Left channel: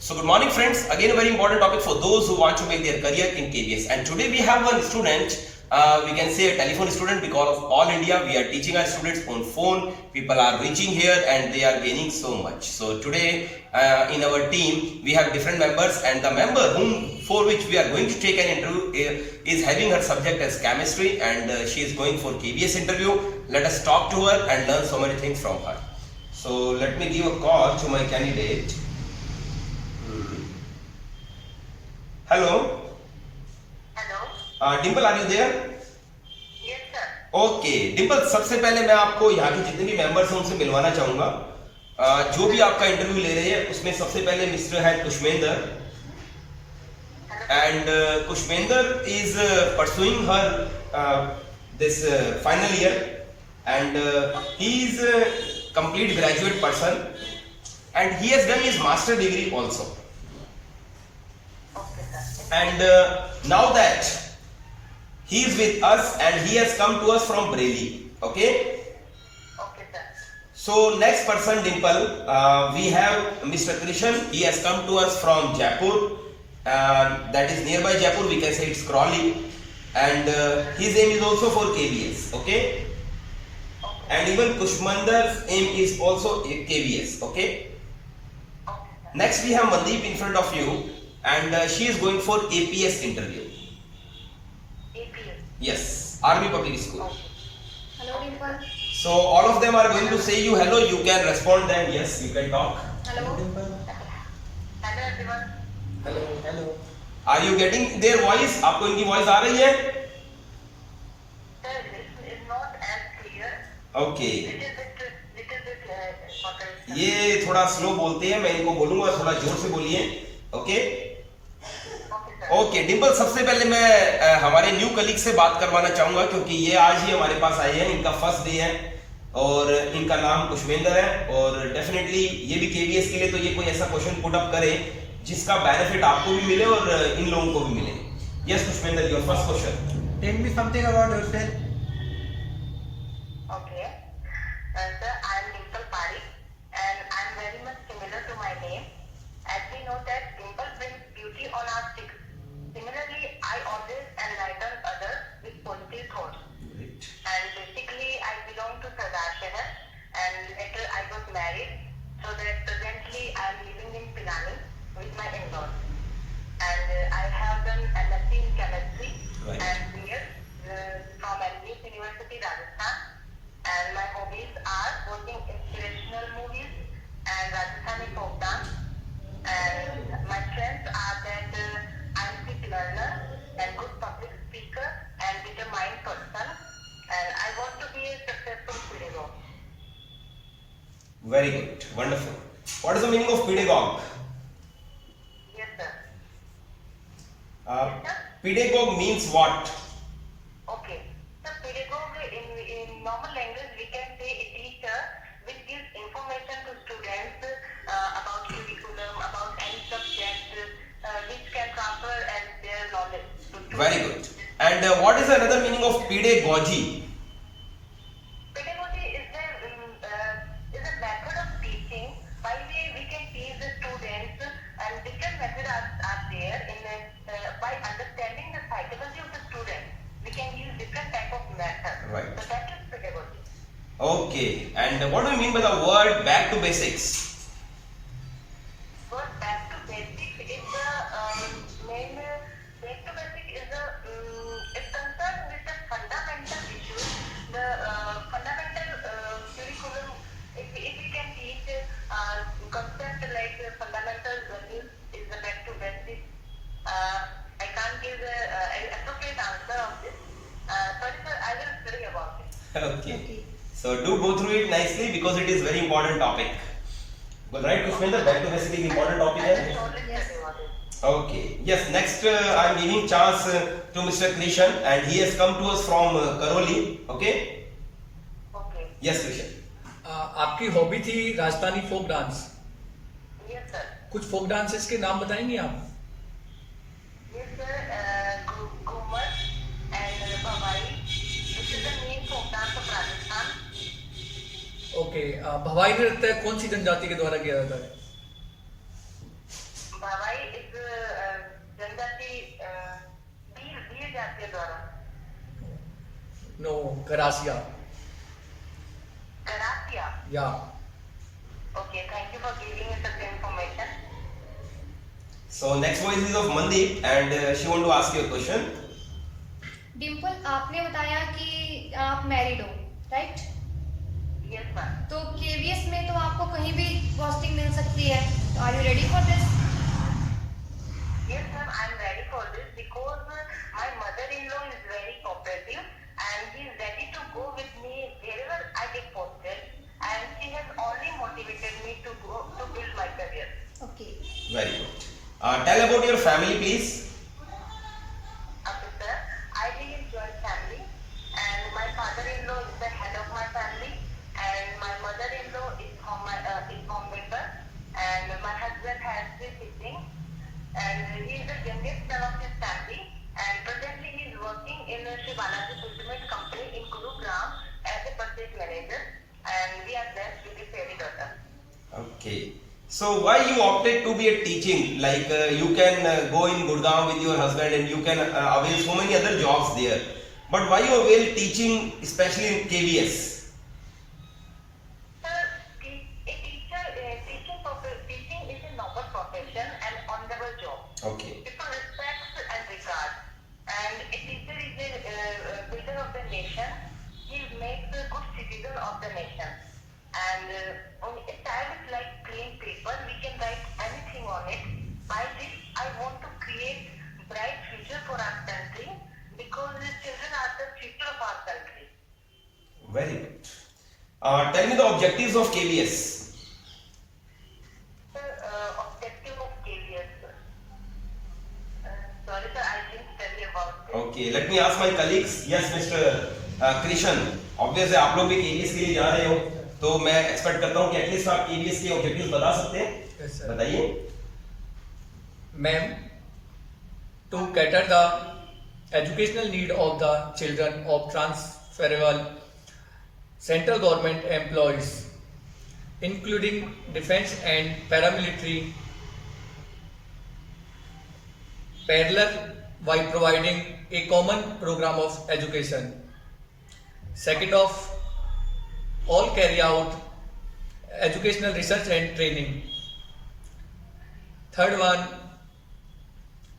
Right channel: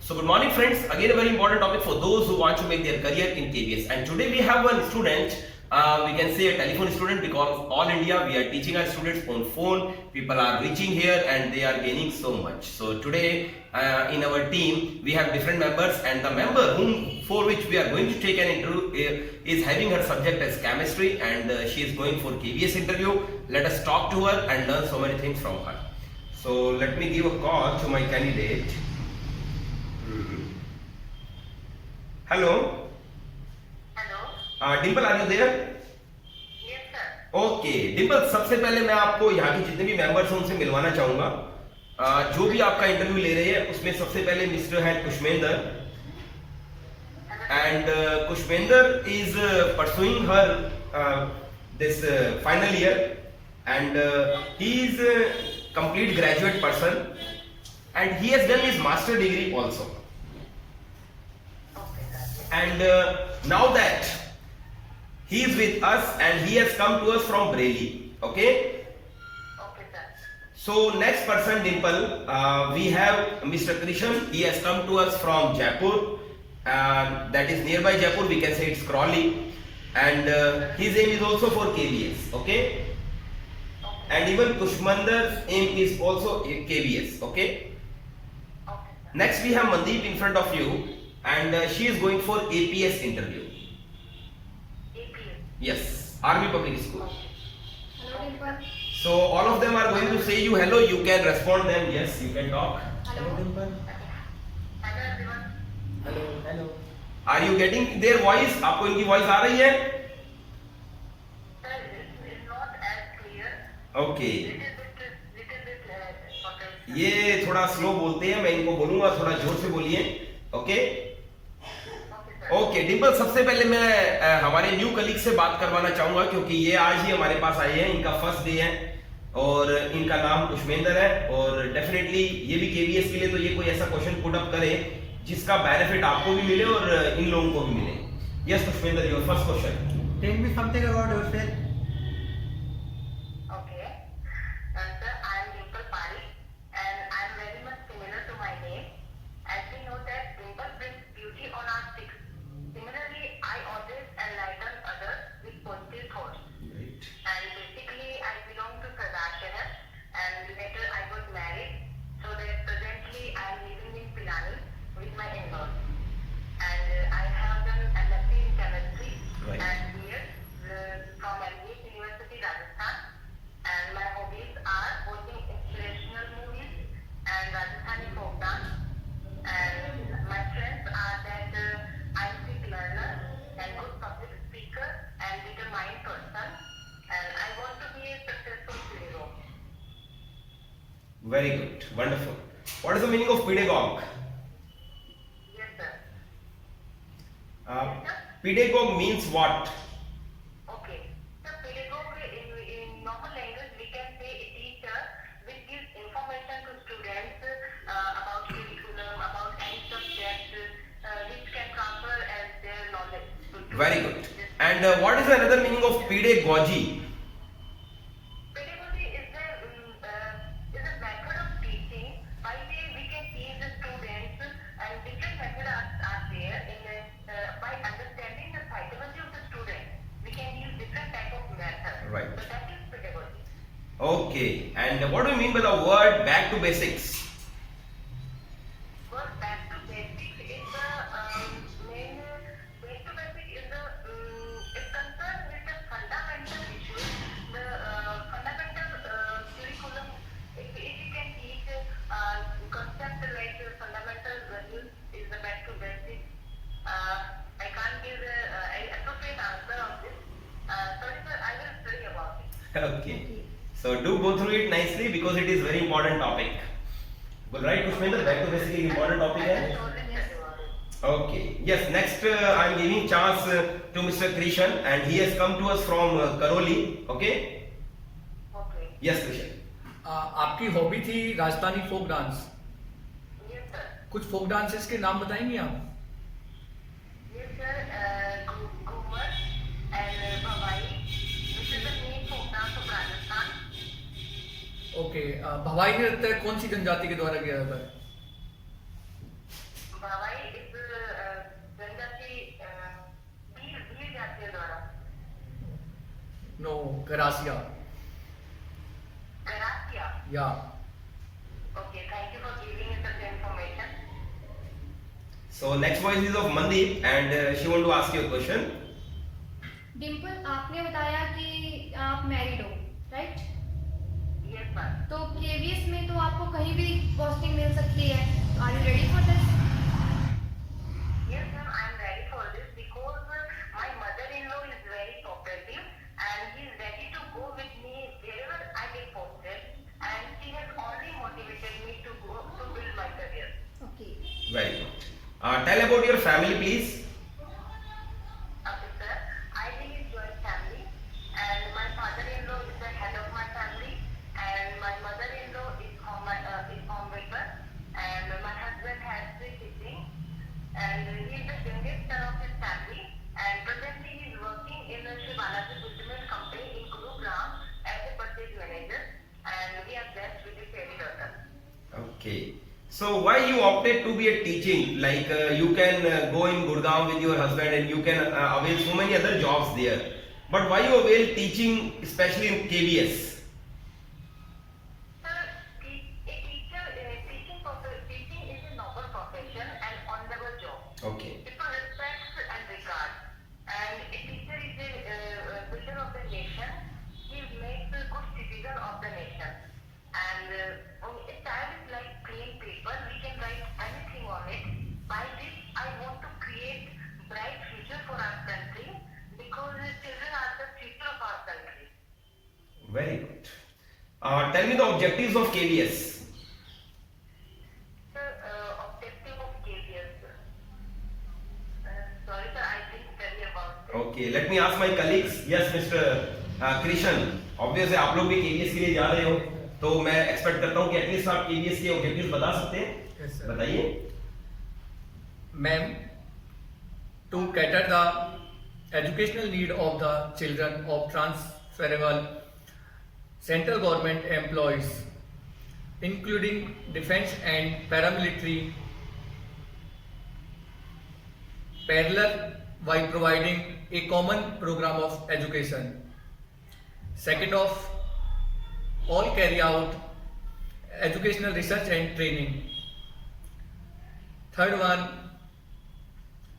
So good morning friends, again a very important topic for those who want to make their career in KBS, and today we have one student, we can say a telephone student, because all India we are teaching our students on phone. People are reaching here and they are gaining so much. So today in our team we have different members, and the member for which we are going to take an interview is having her subject as chemistry, and she is going for KBS interview. Let us talk to her and learn so many things from her. So let me give a call to my candidate. Hello. Hello Dimple, are you there? Yes sir okay Dimple, सबसे पहले मैं आपको यहाँ के जितने भी members हैं उनसे मिलवाना चाहूंगा। जो भी आपका इंटरव्यू ले रहे हैं उसमें सबसे पहले मिस्टर है Kushmender, and Kushmender is pursuing her this final year, and he is complete graduate person, and he has done his master degree also. Okay sir And now that he is with us and he has come to us from Bareilly, okay? Okay sir So next person, Dimple, we have Mr. Krishan. He has come to us from Jaipur, that is nearby Jaipur. We can say it's Crawley, and his aim is also for KBS, okay? And even Kushmandar's aim is also KBS, okay? Okay Next we have Mandeep in front of you, and she is going for APS interview. Sir APS Yes, Army Public School. Hello, Dimple. So all of them are going to say you hello. You can respond them. Yes, you can talk. Hello. Hello everyone Hello, hello. Are you getting their voice? आपको इनकी voice आ रही है? Sir this is not as clear Okay. Little bit ये थोड़ा slow बोलते हैं, मैं इनको बोलूंगा थोड़ा जोर से बोलिए, okay? Okay sir okay Dimple, सबसे पहले मैं हमारे न्यू कलीग से बात करवाना चाहूंगा, क्योंकि ये आज ही हमारे पास आए हैं, इनका फर्स्ट डे है और इनका नाम कुशमेंदर है, और डेफिनेटली ये भी केवीएस के लिए तो ये कोई ऐसा क्वेश्चन पुट अप करे जिसका बेनिफिट आपको भी मिले और इन लोगों को भी मिले। Yes Kushmender, your first question. Tell me something about yourself. Okay sir I am Dimple Pari and I am very much similar to my name as we know that dimple brings beauty on our cheeks. Similarly, I always enlighten others with positive thoughts. And basically I belong to Sardar Shahar, and later I got married, so that presently I am living in Pilani with my in-laws, and I have done MSc in chemistry Right. and BS from LBS University, Rajasthan, and my hobbies are watching inspirational movies and Rajasthani folk dance, and my strengths are that I am quick learner and good public speaker and determined person, and I want to be a successful pedagogue. Very good, wonderful. What is the meaning of pedagogue? Yes, sir. Pedagogue means what? Okay. So pedagogue in normal language we can say a teacher which gives information to students about curriculum, about any subject which can transfer as their knowledge to students. Very good. And what is another meaning of pedagogy? Pedagogy is a method of teaching by which we can teach the students, and different methods are there by understanding the psychology of the student. We can use different type of methods. Right. So that is pedagogy. Okay. And what do you mean by the word back to basics? But back to basics is the main. Back to basic is the is concerned with the fundamental issues, the fundamental curriculum. If we can teach concept like fundamental values is the back to basics. I can't give an appropriate answer of this. Sorry sir, I will study about it. Okay. So do go through it nicely because it is very important topic. Well, right, Kushmendra, back to basic is important topic I will है. surely study about it. Okay. Yes. Next, I am giving chance to Mr. Krishan, and he has come to us from Karoli. Okay. Okay. Yes, Krishan. आपकी hobby थी Rajasthani folk dance. Yes sir. कुछ folk dances के नाम बताएंगे आप? Yes, sir. Ghumar and Bhavai. This is the main folk dance of Rajasthan. Okay, भवाई नृत्य कौन सी जनजाति के द्वारा किया जाता है? Gracia. Gracia. Yeah. Okay, thank you for giving me such information. So next voice is of Mandeep and she want to ask you a question. Dimple, आपने बताया कि आप मैरिड हो, राइट? Yes, ma'am. तो केवीएस में तो आपको कहीं भी पोस्टिंग मिल सकती है. Are you ready for this? Yes, ma'am, I'm ready for this because my mother-in-law is very cooperative and she is ready to go with me wherever I get posted, and she has only motivated me to go to build my career. Okay. Very good. Tell about your family, please. Okay, sir. I live in joint family, and my father-in-law is the head of my family, and my mother-in-law is homemaker, and my husband has 3 siblings, and he is the youngest son of his family, and presently he is working in a Shri Balaji Fulfillment Company in Gurugram as a purchase manager, and we are blessed with a fairy daughter. Okay. So why you opted to be a teaching? Like you can go in Gurgaon with your husband and you can avail so many other jobs there. But why you avail teaching, especially in KVS? Sir, teaching is a noble profession and honorable job. Okay. People respect and regard. And a teacher is a builder of the nation. He makes a good citizen of the nation. And a child is like plain paper. We can write anything on it. By this, I want to create bright future for our country because the children are the future of our country. Very good. Tell me the objectives of KVS. The objective of KVS. Sorry, sir, I didn't tell you about this. Okay. Let me ask my colleagues. Yes, Mr. Krishan. Obviously आप लोग भी KVS के लिए जा रहे हो, तो मैं एक्सपेक्ट करता हूँ कि एटलीस्ट आप KVS के ऑब्जेक्टिव्स बता सकते हैं. Yes, sir. बताइए. Ma'am, to cater the educational need of the children of transferable central government employees, including defense and paramilitary, parallel by providing a common program of education. Second of all carry out educational research and training. Third one,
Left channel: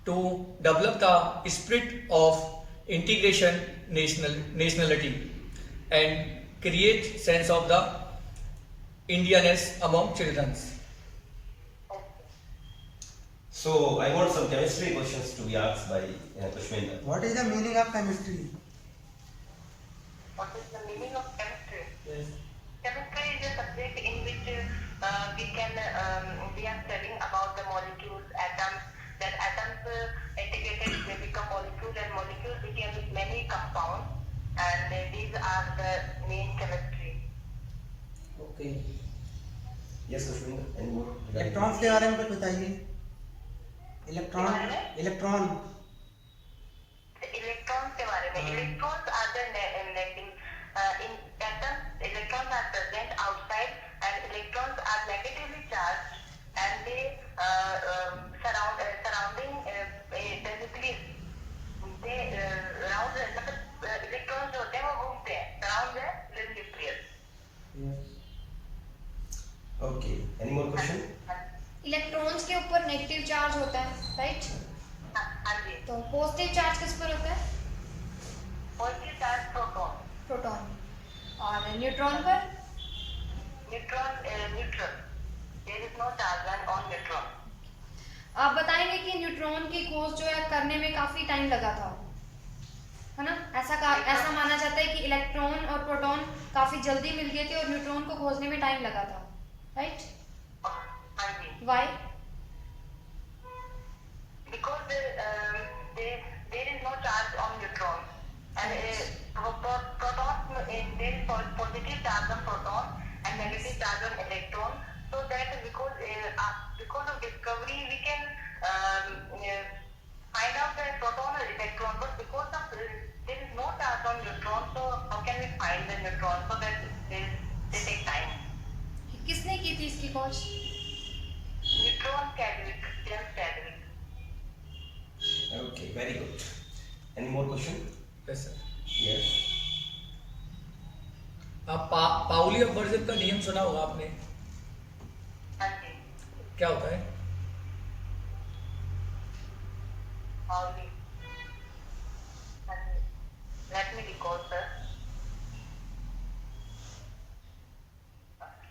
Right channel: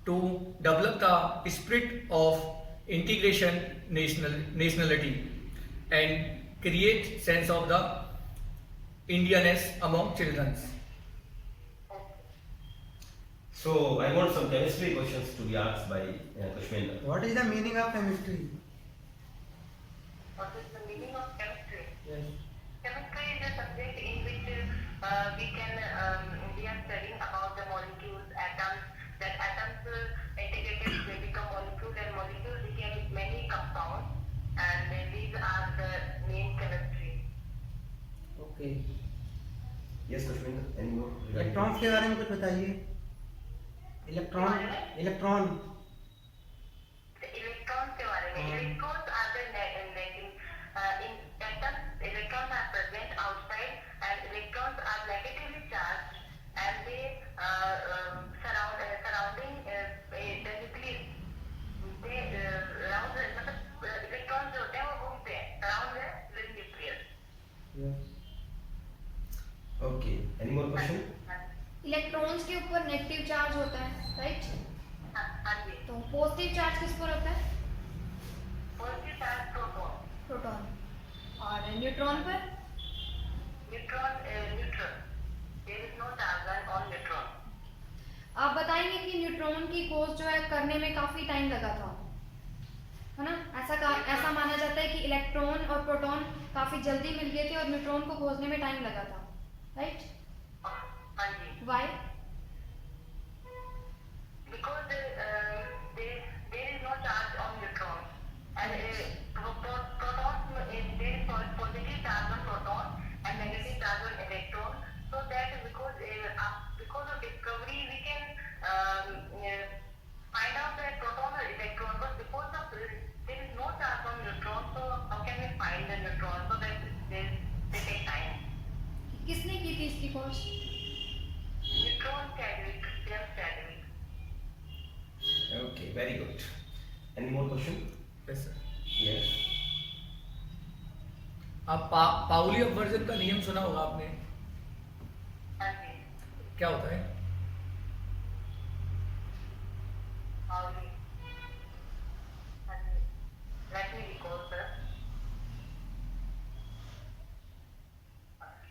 to develop the spirit of integration nationality and create sense of the Indianness among children. So I want some chemistry questions to be asked by Kushwinder. What is the meaning of chemistry? What is the meaning of chemistry? Yes. Chemistry is a subject in which we are studying about the molecules, atoms. That atoms integrated, they become molecules, and molecules became many compounds, and these are the main chemistry. Okay. Yes, Kushwinder. Any more? Electrons के बारे में कुछ बताइए. Electron. The electrons के बारे में. Electrons are the in atoms. Electrons are present outside, and electrons are negatively charged, and they surrounding basically they round मतलब electrons जो होते हैं वो घूमते हैं around the nucleus. Yes. Okay. Any more question? Electrons के ऊपर नेगेटिव चार्ज होता है, राइट? हाँ जी. तो पॉजिटिव चार्ज किस पर होता है? Positive charge proton. प्रोटॉन. और न्यूट्रॉन पर? Neutron neutral. There is no charge on neutron. आप बताएंगे कि न्यूट्रॉन की खोज जो है करने में काफी टाइम लगा था, है ना? ऐसा माना जाता है कि इलेक्ट्रॉन और प्रोटॉन काफी जल्दी मिल गए थे और न्यूट्रॉन को खोजने में टाइम लगा था, राइट? हाँ जी. Why? Because there is no charge on neutrons, and protons there is positive charge on proton and negative charge on electron. So that because of discovery we can find out the proton or electron, but because of there is no charge on neutron, so how can we find the neutron? So that they take time. किसने की थी इसकी खोज? Neutron Chadwick, James Chadwick. Okay, very good. Any more question? Yes, sir. Yes. आप Pauli अपवर्जन का नियम सुना होगा आपने, हाँ जी, क्या होता है? Pauli. हाँ जी, let me recall, sir.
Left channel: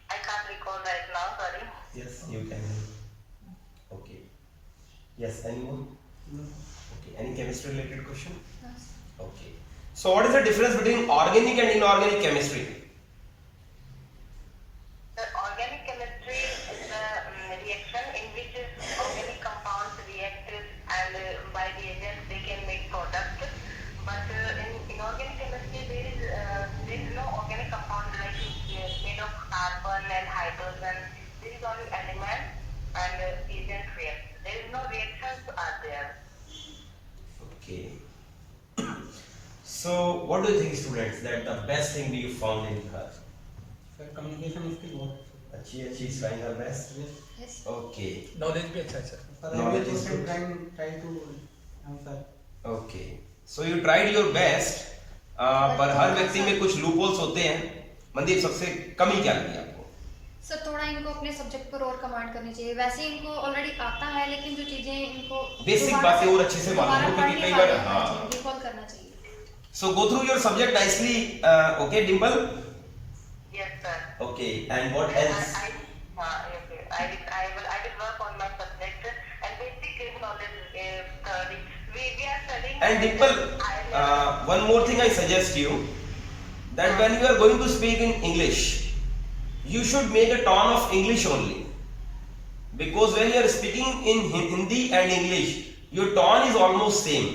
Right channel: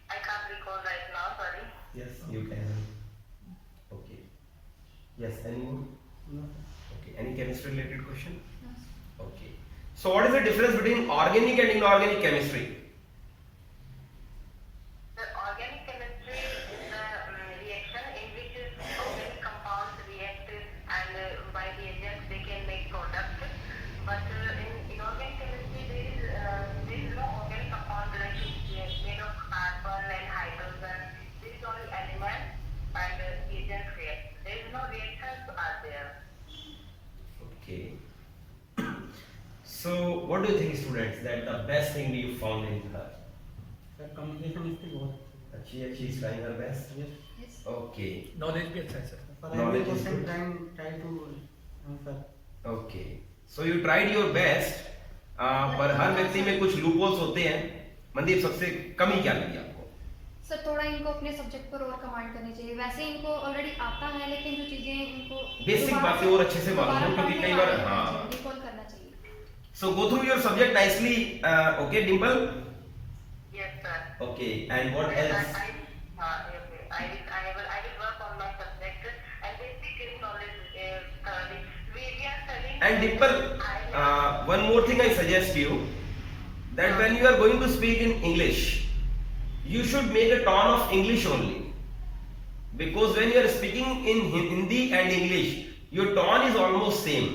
I can't recall right now, sorry. Yes, you can. Okay. Yes, any more? No. Okay. Any chemistry related question? No. Okay. So what is the difference between organic and inorganic chemistry? The organic chemistry is a reaction in which organic compounds react and by reagents they can make products. But in inorganic chemistry there is no organic compound like made of carbon and hydrogen. There is only element and reagent react. There is no reactions are there. Okay. So what do you think, students, that the best thing you found in her? Sir communication skill बहुत She is trying her best. yes. Yes. Okay. Knowledge भी अच्छा है sir. For Knowledge every is question good. try to answer. Okay. So you tried your best. पर हर व्यक्ति में कुछ loopholes होते हैं। मनदीप, सबसे कमी क्या लगी आपको? सर थोड़ा इनको अपने सब्जेक्ट पर और कमांड करनी चाहिए। वैसे इनको ऑलरेडी आता है, लेकिन जो चीजें इनको Basic दोबारा बातें से- और अच्छे से मालूम हो, दोबारा क्योंकि कई पढ़ने बार- वाले हाँ। होना चाहिए, recall करना चाहिए। So go through your subject nicely. Okay, Dimple. Yes, sir. Okay. And what else? I will work on my subject and basic knowledge study. We are studying. And Dimple, one more thing I suggest you, that when you are going to speak in English, you should make a tone of English only. Because when you are speaking in Hindi and English, your tone is almost same,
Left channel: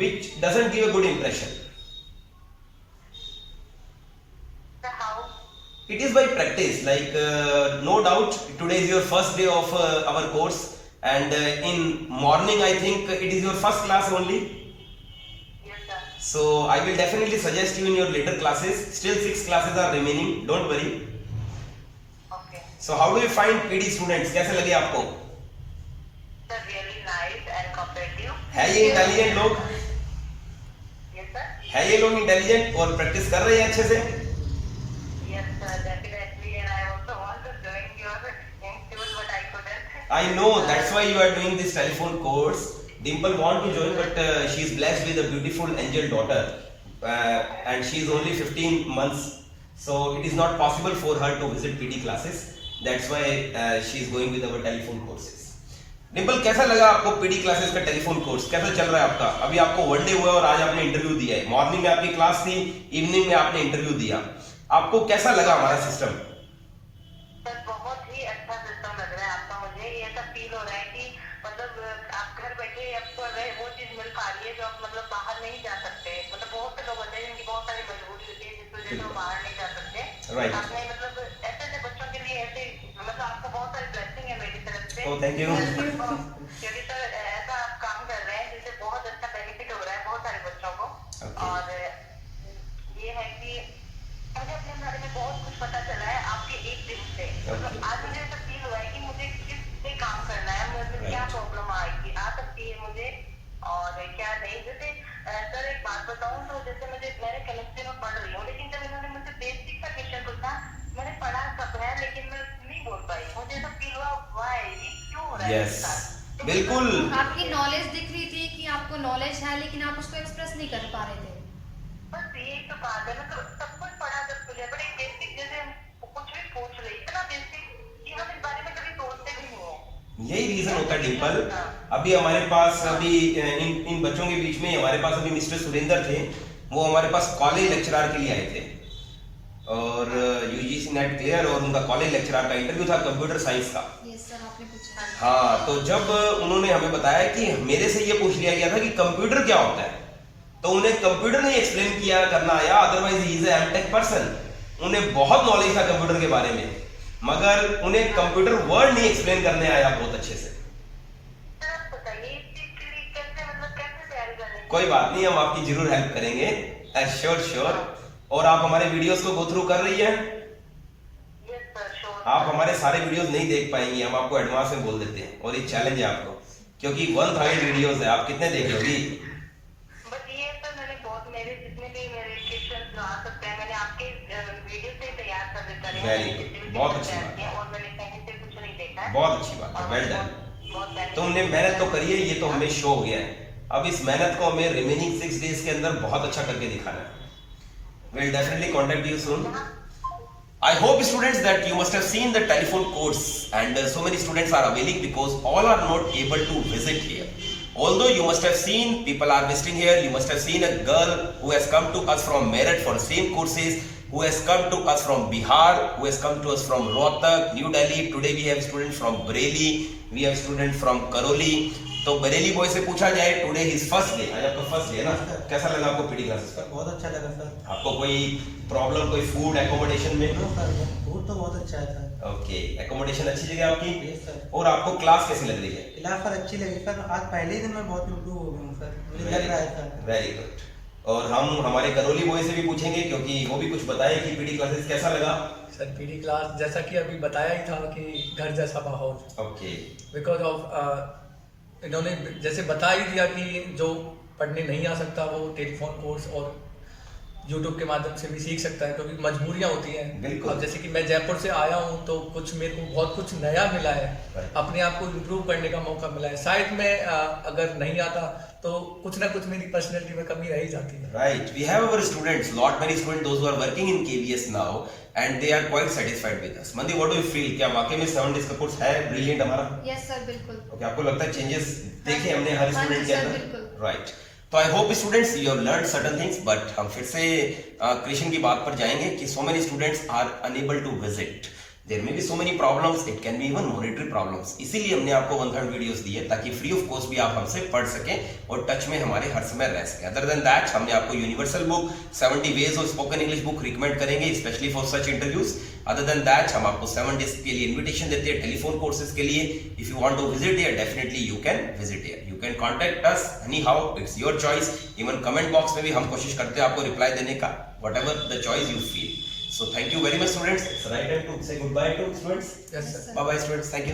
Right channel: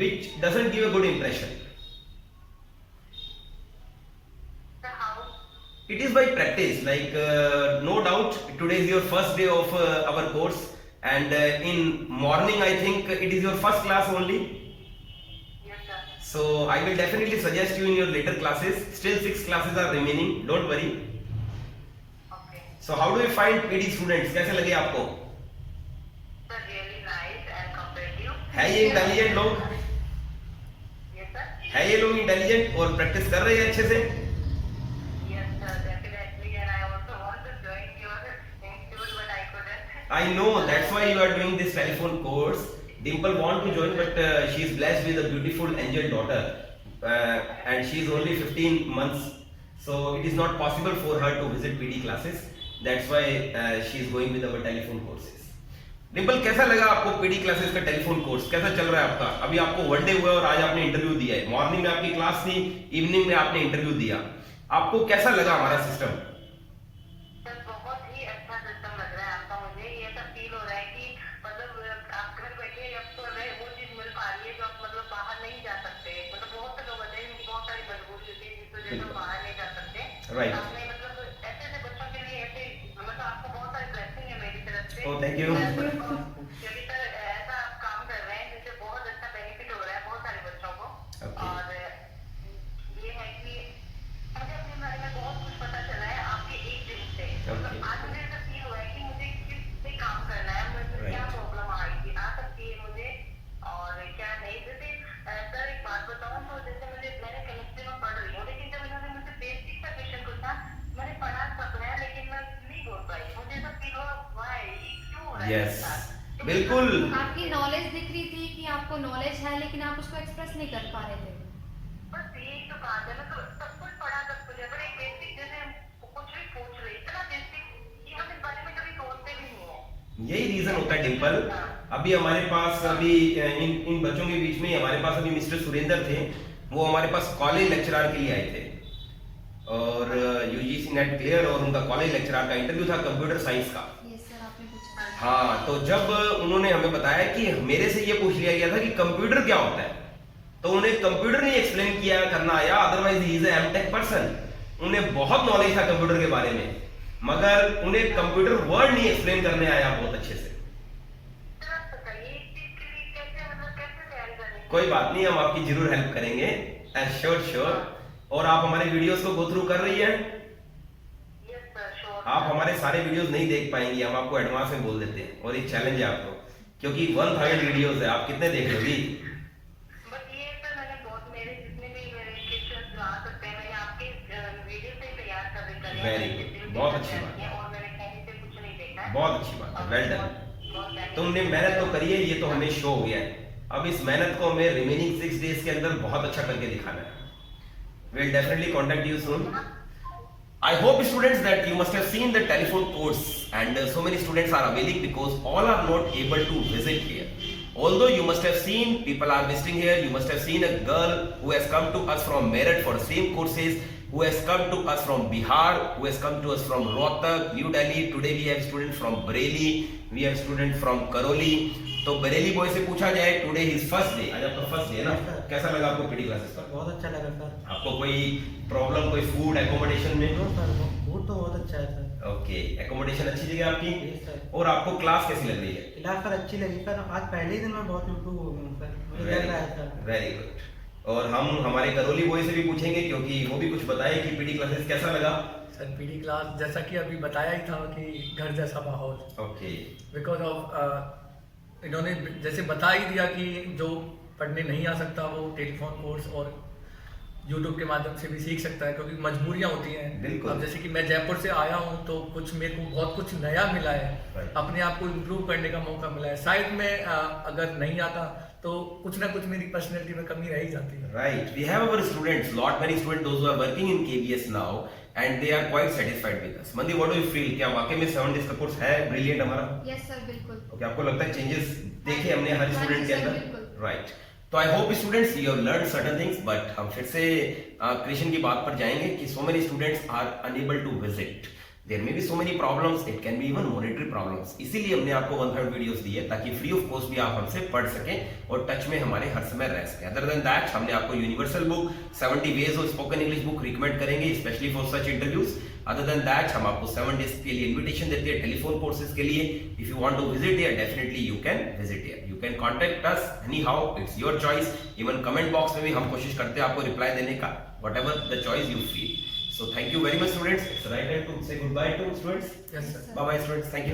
which doesn't give a good impression. So how? It is by practice. Like no doubt, today is your first day of our course, and in morning I think it is your first class only. Yes, sir. So I will definitely suggest you in your later classes. Still 6 classes are remaining. Don't worry. Okay. So how do you find PD students? कैसे लगे आपको? Sir, really nice and cooperative. है ये intelligent लोग? Yes, sir. है ये लोग intelligent और प्रैक्टिस कर रहे हैं अच्छे से? Yes, sir, definitely. And I also want to join your institute, but I couldn't. I know, that's why you are doing this telephone course. Dimple want to join, but she is blessed with a beautiful angel daughter, and she is only 15 months, so it is not possible for her to visit PD classes. That's why she is going with our telephone courses. Dimple, कैसा लगा आपको PD classes का telephone course? कैसा चल रहा है आपका? अभी आपको वन डे हुआ और आज आपने इंटरव्यू दिया है. मॉर्निंग में आपकी क्लास थी, इवनिंग में आपने इंटरव्यू दिया. आपको कैसा लगा हमारा सिस्टम? सर, बहुत ही अच्छा सिस्टम लग रहा है आपका। मुझे ये सब फील हो रहा है कि मतलब आप घर बैठे आपको वो चीज मिल पा रही है जो आप मतलब बाहर नहीं जा सकते। मतलब बहुत से लोग होते हैं जिनकी बहुत सारी मजबूरी होती है, जिस वजह से वो बाहर नहीं जा सकते। Right. आपने मतलब ऐसे बच्चों के लिए ऐसे मतलब आपको बहुत सारी ब्लेसिंग है मेरी तरफ से। Oh, thank you. क्योंकि सर ऐसा आप काम कर रहे हैं जिससे बहुत अच्छा बेनिफिट हो रहा है बहुत सारे बच्चों को। Okay. और ये है कि मुझे अपने बारे में बहुत कुछ पता चला है आपके एक दिन से। मतलब आज मुझे ऐसा फील हुआ है कि मुझे किस पे काम करना है, मुझे क्या प्रॉब्लम आएगी, आ सकती है मुझे और क्या नहीं। जैसे सर एक बात बताऊं तो जैसे मैंने केमिस्ट्री में पढ़ रही हूँ, लेकिन जब इन्होंने मुझसे बेसिक का क्वेश्चन पूछा, मैंने पढ़ा सब है लेकिन मैं नहीं बोल पाई। मुझे ऐसा फील हुआ वाई ये क्यों हो रहा है Yes. मेरे साथ। तो बिल्कुल. आपकी नॉलेज दिख रही थी कि आपको नॉलेज है, लेकिन आप उसको एक्सप्रेस नहीं कर पा रहे थे। बस ये तो बात है ना, तो सब कुछ पढ़ा सब कुछ है, बट एक बेसिक जैसे कुछ भी पूछ रही इतना बेसिक कि हम इस बारे में कभी सोचते भी नहीं है। यही रीजन होता है डिम्पल। अभी हमारे पास अभी इन बच्चों के बीच में हमारे पास अभी मिस्टर सुरेंद्र थे, वो हमारे पास कॉलेज लेक्चरर के लिए आए थे और यूजीसी नेट क्लियर और उनका कॉलेज लेक्चरर का इंटरव्यू था कंप्यूटर साइंस का। यस सर, आपने पूछा। हाँ, तो जब उन्होंने हमें बताया कि मेरे से ये पूछ लिया गया था कि कंप्यूटर क्या होता है, तो उन्हें कंप्यूटर नहीं एक्सप्लेन किया करना आया, otherwise he is MTech person. उन्हें बहुत नॉलेज था कंप्यूटर के बारे में, मगर उन्हें कंप्यूटर वर्ड नहीं एक्सप्लेन करने आया बहुत अच्छे से। कोई बात नहीं, हम आपकी जरूर हेल्प करेंगे, श्योर श्योर। और आप हमारे वीडियोस को गो थ्रू कर रही हैं? आप हमारे सारे वीडियोस नहीं देख पाएंगी, हम आपको एडवांस में बोल देते हैं और ये चैलेंज है आपको, क्योंकि 1000 वीडियोस है, आप कितने देख लोगी? बट ये सर मैंने बहुत मेरे जितने भी मेरे क्वेश्चन आ सकते हैं मैंने आपके वीडियो से Very good. बहुत अच्छी बात है। और मैंने कहीं से कुछ नहीं देखा। बहुत अच्छी बात है, वेल डन। बहुत benefit- तुमने मेहनत तो करी है, ये तो हमें शो हो गया है। अब इस मेहनत को हमें रिमेनिंग 6 डेज के अंदर बहुत अच्छा करके दिखाना है। We'll definitely contact you soon. I hope students that you must have seen the telephone course and so many students are availing because all are not able to visit here. Although you must have seen people are visiting here, you must have seen a girl who has come to us from Meerut for same courses, who has come to us from Bihar, who has come to us from Rohtak, New Delhi. Today we have students from Bareilly, we have students from Karoli. तो Bareilly boy से पूछा जाए today his first day, आज आपका first day है ना, कैसा लगा आपको पीटी क्लासेस पर? बहुत अच्छा लगा सर। आपको कोई प्रॉब्लम, कोई फूड एकोमोडेशन में? हाँ सर, फूड तो बहुत अच्छा है सर। ओके, एकोमोडेशन अच्छी लगी आपकी? Yes sir. और आपको क्लास कैसी लग रही है? क्लास सर अच्छी लगी सर। आज पहले ही दिन में बहुत इम्प्रूव हो गया हूँ सर, मुझे लग रहा है सर। Very good. और हम हमारे करोली बॉय से भी पूछेंगे क्योंकि वो भी कुछ बताए कि पीटी क्लासेस कैसा लगा। सर पीडी क्लास जैसा कि अभी बताया ही था कि घर जैसा माहौल, ओके, बिकॉज ऑफ इन्होंने जैसे बता ही दिया कि जो पढ़ने नहीं आ सकता वो टेलीफोन कोर्स और यूट्यूब के माध्यम से भी सीख सकता है, क्योंकि मजबूरियां होती हैं। बिल्कुल। अब जैसे कि मैं जयपुर से आया हूं तो कुछ मेरे को बहुत कुछ नया मिला है, Right. अपने आप को इम्प्रूव करने का मौका मिला है। शायद मैं अगर नहीं आता तो कुछ ना कुछ मेरी पर्सनैलिटी में कमी रह ही जाती है। right. We have our students, lot many students, those who are working in KVS now, and they are quite satisfied with us. Mandeep, what do you feel? क्या वाकई में 7 days का कोर्स है ब्रिलियंट हमारा? यस सर, बिल्कुल। Okay, आपको लगता है चेंजेस देखे हमने हर हाँ जी स्टूडेंट के सर, अंदर? बिल्कुल। राइट। तो I hope students you have learn certain things, but हम फिर से क्रिएशन की बात पर जाएंगे कि so many students are unable to visit. There may be so many problems, it can be even monetary problems. इसीलिए हमने आपको 1/3 वीडियोस दी है ताकि फ्री ऑफ कॉस्ट भी आप हमसे पढ़ सकें और टच में हमारे हर समय रह सकें। अदर देन दैट हमने आपको universal book 70 ways of spoken English book recommend करेंगे specially for such interviews. Other then that हम आपको 7 डेज के लिए इन्विटेशन देते हैं टेलीफोन कोर्सेज के लिए। If you want to visit here, definitely you can visit here. You can contact us anyhow, it's your choice. Even comment box में भी हम कोशिश करते हैं आपको रिप्लाई देने का, whatever the choice you feel. So thank you very much students. It's the right time to say goodbye to students. Yes sir. Bye bye students. Thank you.